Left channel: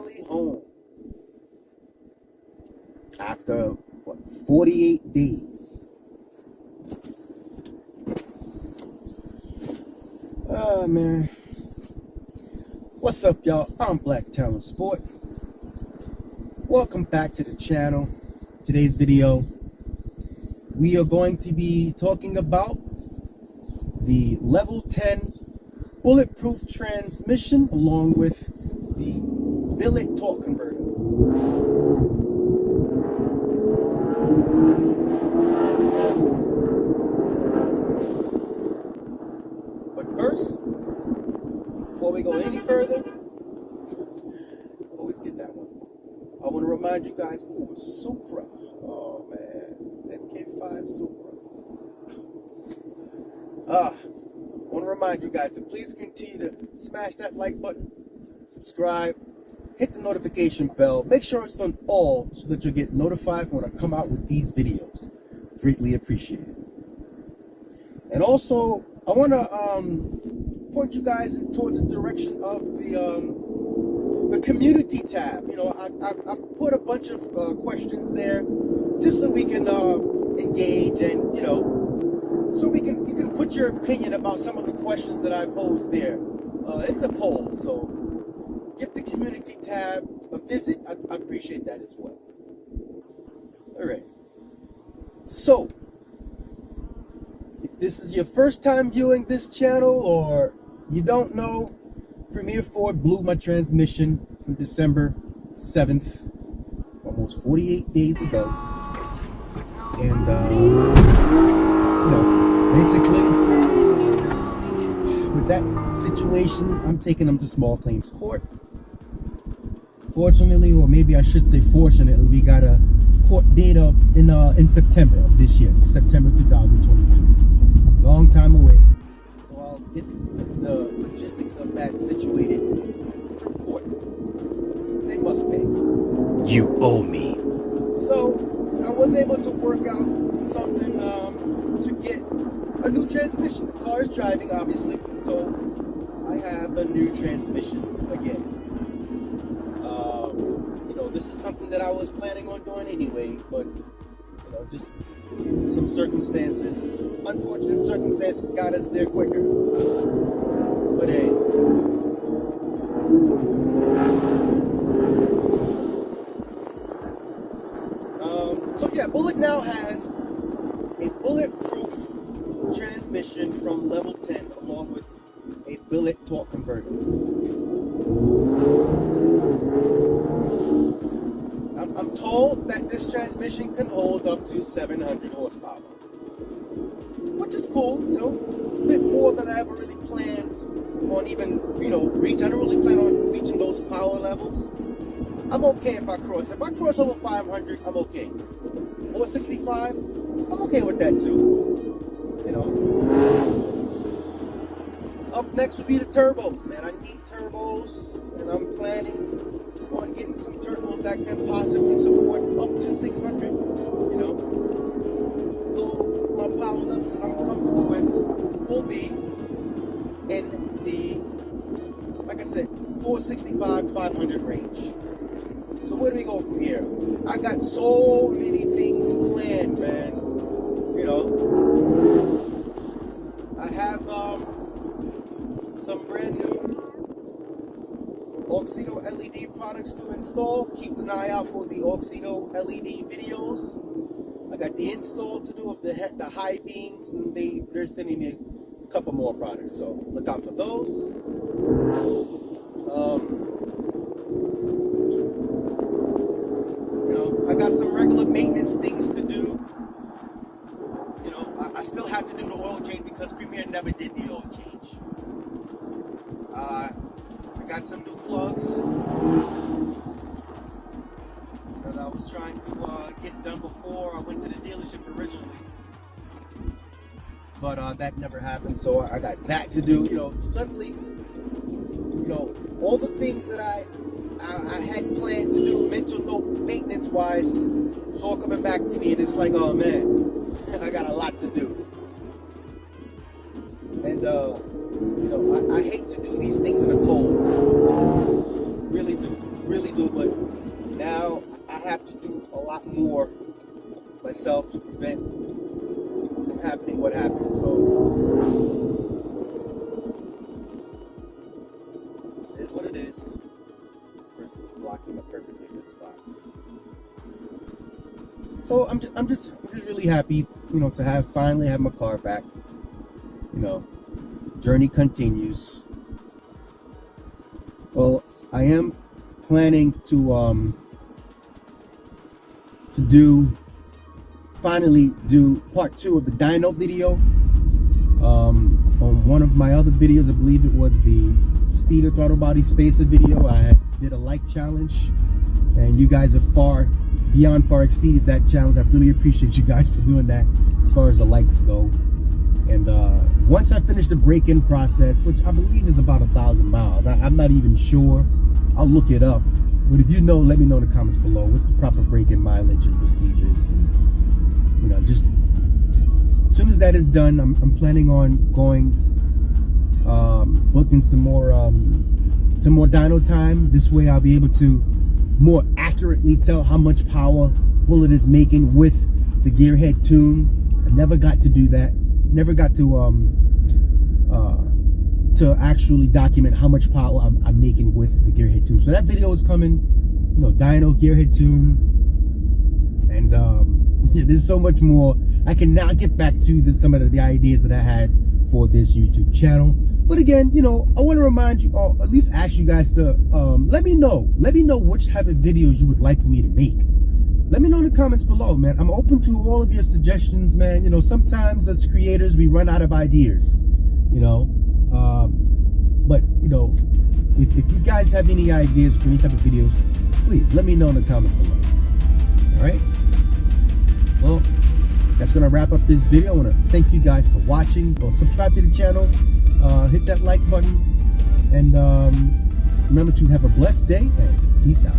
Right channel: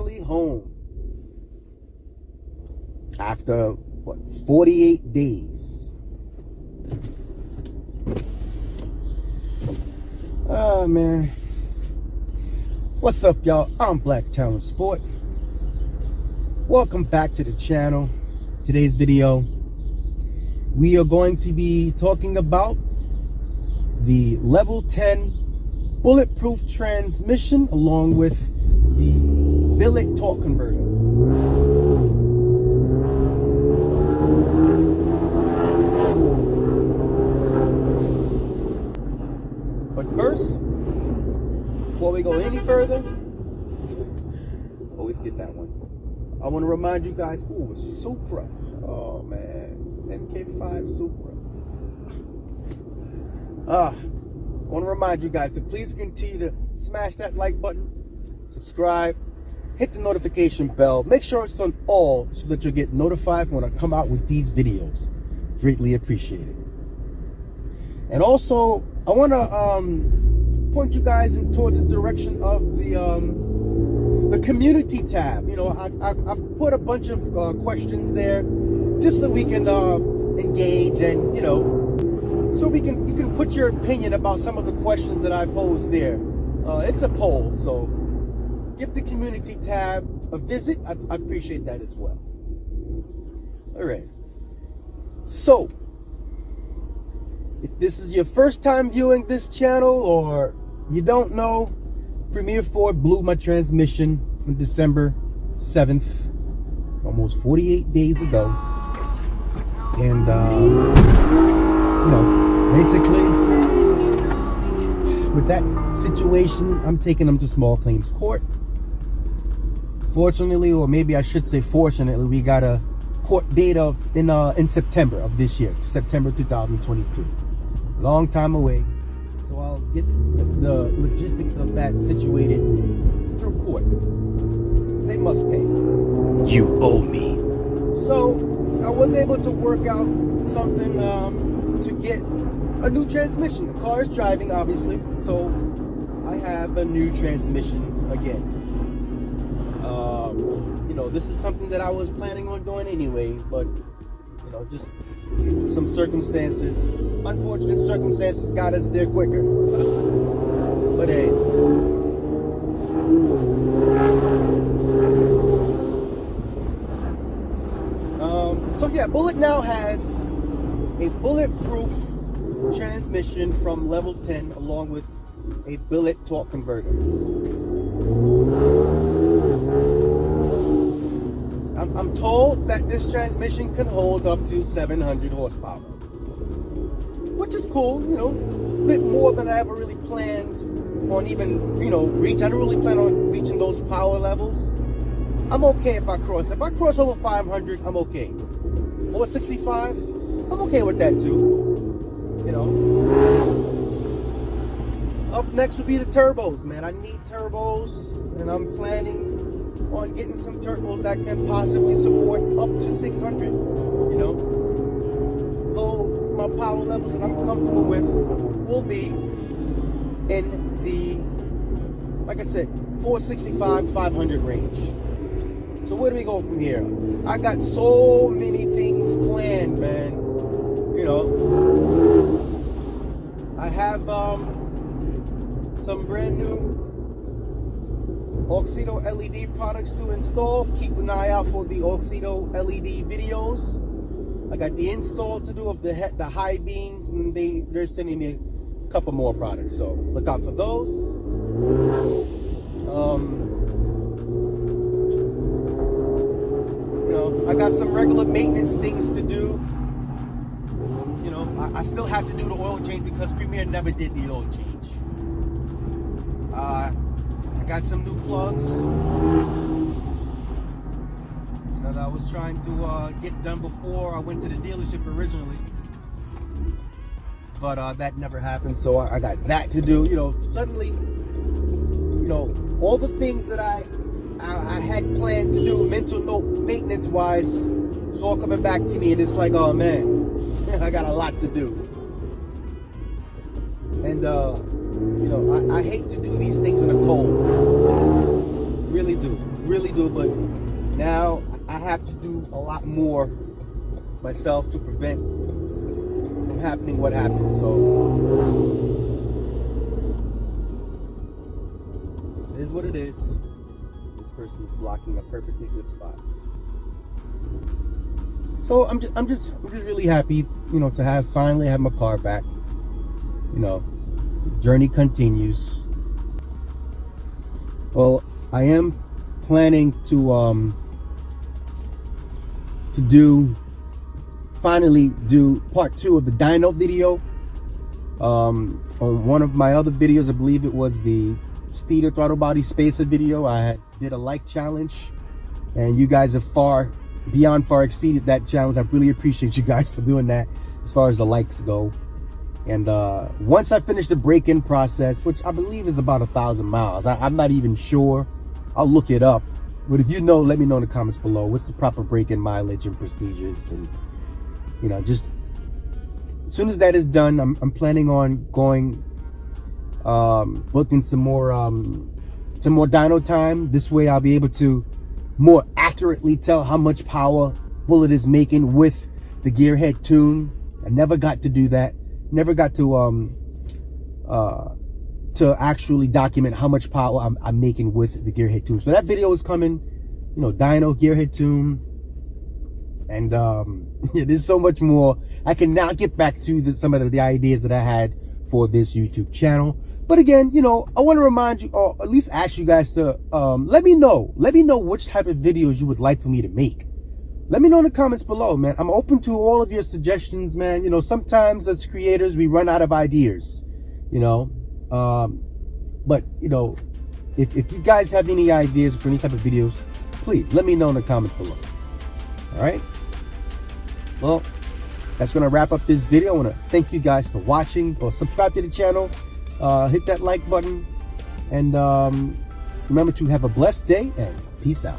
finally home. After, what, 48 days. Oh, man. What's up, y'all? I'm Black Talent Sport. Welcome back to the channel. Today's video, we are going to be talking about the Level 10 Bulletproof transmission along with the Billet torque converter. But first, before we go any further, always get that one. I want to remind you guys, ooh, Supra. Oh man, MK5 Supra. I want to remind you guys to please continue to smash that like button, subscribe, hit the notification bell, make sure it's on all so that you'll get notified when I come out with these videos. Greatly appreciated. And also, I want to point you guys in towards the direction of the community tab. You know, I've put a bunch of questions there just so we can engage and, you know, so you can put your opinion about some of the questions that I posed there. It's a poll, so give the community tab a visit. I appreciate that as well. All right. So, if this is your first time viewing this channel or you don't know, Premier Ford blew my transmission on December 7th, almost 48 days ago. And, you know, basically, with that situation, I'm taking them to small claims court. Fortunately, or maybe I should say fortunately, we got a court date in September of this year, September 2022. Long time away. So I'll get the logistics of that situated from court. They must pay. You owe me. So I was able to work out something to get a new transmission. The car is driving, obviously, so I have a new transmission again. You know, this is something that I was planning on doing anyway, but you know, just some circumstances, unfortunate circumstances, got us there quicker. But hey. So yeah, Bullet now has a bulletproof transmission from Level 10 along with a Billet torque converter. I'm told that this transmission can hold up to 700 horsepower, which is cool. You know, it's a bit more than I ever really planned on even, you know, reach. I don't really plan on reaching those power levels. I'm okay if I cross. If I cross over 500, I'm okay. 465, I'm okay with that too. You know. Up next would be the turbos, man. I need turbos, and I'm planning on getting some turbos that can possibly support up to 600. You know, though my power levels that I'm comfortable with will be in the, like I said, 465, 500 range. So where do we go from here? I got so many things planned, man. You know, I have some brand new Auxito LED products to install. Keep an eye out for the Auxito LED videos. I got the install to do of the high beams, and they're sending me a couple more products, so look out for those. You know, I got some regular maintenance things to do. You know, I still have to do the oil change because Premier never did the oil change. I got some new plugs, you know, that I was trying to get done before I went to the dealership originally, but that never happened, so I got that to do. You know, suddenly, you know, all the things that I had planned to do mental note maintenance wise, it's all coming back to me, and it's like, oh man, I got a lot to do. And you know, I hate to do these things in the cold. really do, but now I have to do a lot more myself to prevent from happening what happened. So it is what it is. This person is blocking a perfectly good spot. So I'm just really happy, you know, to finally have my car back. You know, the journey continues. Well, I am planning to finally do part 2 of the dyno video. On one of my other videos, I believe it was the Steeda Throttle Body Spacer video, I did a like challenge, and you guys have beyond far exceeded that challenge. I really appreciate you guys for doing that as far as the likes go. And once I finish the break-in process, which I believe is about 1,000 miles, I'm not even sure, I'll look it up. But if you know, let me know in the comments below. What's the proper break-in mileage and procedures? And, you know, just as soon as that is done, I'm planning on going, booking some more dyno time. This way I'll be able to more accurately tell how much power Bullet is making with the GearHead Tune. I never got to do that. Never got to actually document how much power I'm making with the GearHead Tune. So that video is coming, you know, dyno, GearHead Tune, and yeah, there's so much more. I can now get back to some of the ideas that I had for this YouTube channel. But again, you know, I want to remind you, or at least ask you guys to let me know which type of videos you would like for me to make. Let me know in the comments below, man. I'm open to all of your suggestions, man. You know, sometimes as creators, we run out of ideas, you know. But, you know, if you guys have any ideas for any type of videos, please let me know in the comments below. All right? Well, that's going to wrap up this video. I want to thank you guys for watching. Or subscribe to the channel. Hit that like button. And remember to have a blessed day and peace out.